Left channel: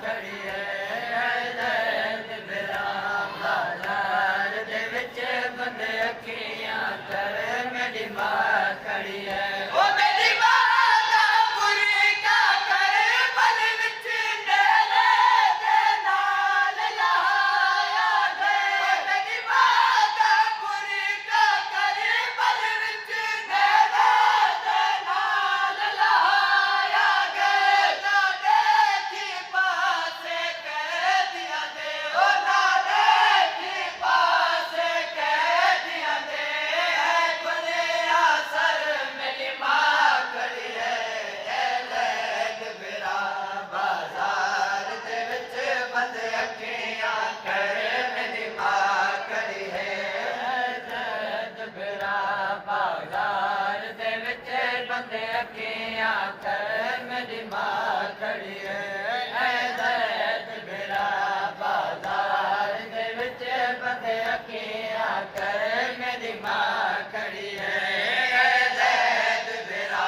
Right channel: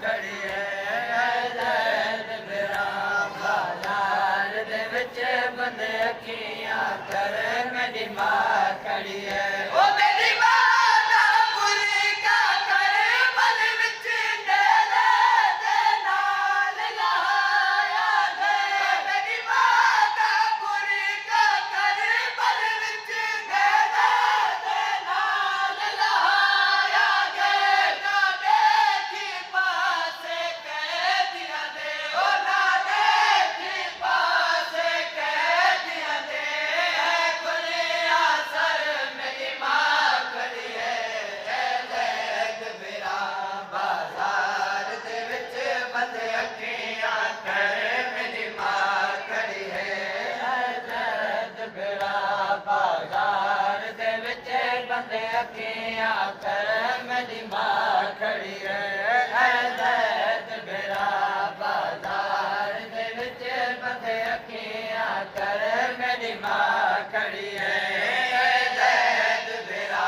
ਖੜੀ ਹੈ ਜ਼ੈਦ ਬਿਰਾ ਬਾਜ਼ਾਰ ਦੇ ਵਿੱਚ ਬੰਦ ਅੱਖੀਆਂ ਕਰ ਮੇਰੀ ਮਾਂ ਖੜੀ ਹੈ ਉਹ ਮੇਰੀ ਮਾਂ ਦਾ ਬੁਰੀ ਕਾ ਕਰ ਮਨ ਵਿੱਚ ਨੇਲੇ ਦੇ ਨਾਲ ਲਾਇਆ ਦੇ ਮੇਰੀ ਮਾਂ ਦਾ ਬੁਰੀ ਕਾ ਕਰ ਮਨ ਵਿੱਚ ਨੇਲੇ ਦੇ ਨਾਲ ਲਾਇਆ ਗਏ ਨਾ ਦੇਖੀ ਪਾਸੇ ਕਹਿ ਦਿਆਂ ਦੇ ਉਹ ਨਾ ਦੇਖੀ ਪਾਸੇ ਕਹਿ ਦਿਆਂ ਦੇ ਹੈ ਗੁਲਿਆ ਸਰ ਮੇਰੀ ਮਾਂ ਖੜੀ ਹੈ ਜ਼ੈਦ ਬਿਰਾ ਬਾਜ਼ਾਰ ਦੇ ਵਿੱਚ ਬੰਦ ਅੱਖੀਆਂ ਕਰ ਮੇਰੀ ਮਾਂ ਖੜੀ ਹੈ ਜ਼ੈਦ ਬਿਰਾ ਬਾਜ਼ਾਰ ਦੇ ਵਿੱਚ ਬੰਦ ਅੱਖੀਆਂ ਕਰ ਮੇਰੀ ਮਾਂ ਖੜੀ ਹੈ ਜ਼ੈਦ ਬਿਰਾ ਬਾਜ਼ਾਰ ਦੇ ਵਿੱਚ ਬੰਦ ਅੱਖੀਆਂ ਕਰ ਮੇਰੀ ਮਾਂ ਖੜੀ ਹੈ ਜ਼ੈਦ ਬਿਰਾ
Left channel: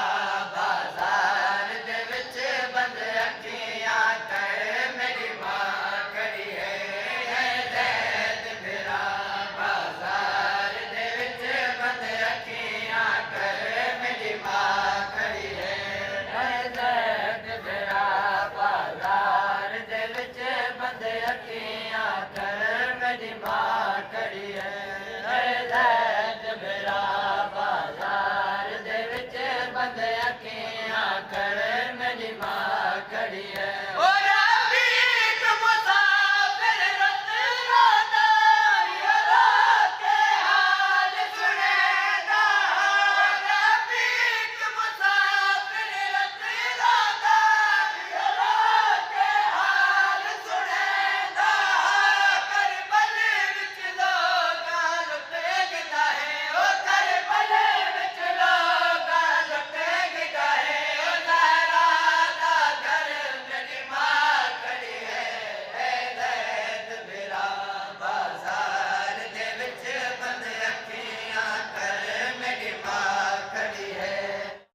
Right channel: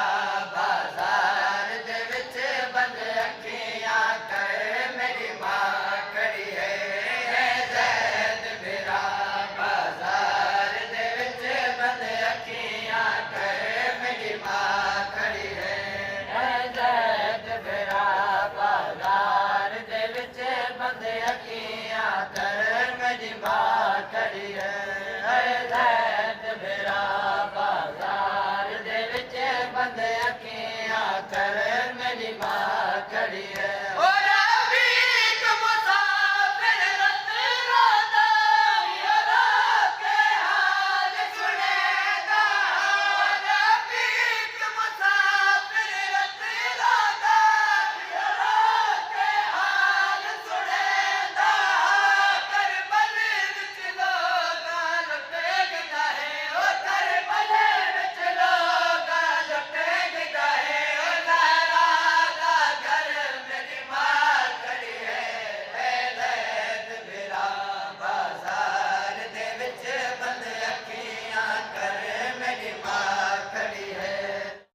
ਬਾਜ਼ਾਰ ਦੇ ਵਿੱਚ ਬੰਦ ਅੱਖੀਆਂ ਕਰ ਮੇਰੀ ਮਾਂ ਖੜੀ ਹੈ ਜ਼ੈਦ ਬਿਰਾ ਬਾਜ਼ਾਰ ਦੇ ਵਿੱਚ ਬੰਦ ਅੱਖੀਆਂ ਕਰ ਮੇਰੀ ਮਾਂ ਖੜੀ ਹੈ ਜ਼ੈਦ ਬਿਰਾ ਬਾਜ਼ਾਰ ਦੇ ਵਿੱਚ ਬੰਦ ਅੱਖੀਆਂ ਕਰ ਮੇਰੀ ਮਾਂ ਖੜੀ ਹੈ ਜ਼ੈਦ ਬਿਰਾ ਬਾਜ਼ਾਰ ਦੇ ਵਿੱਚ ਬੰਦ ਅੱਖੀਆਂ ਕਰ ਮੇਰੀ ਮਾਂ ਖੜੀ ਹੈ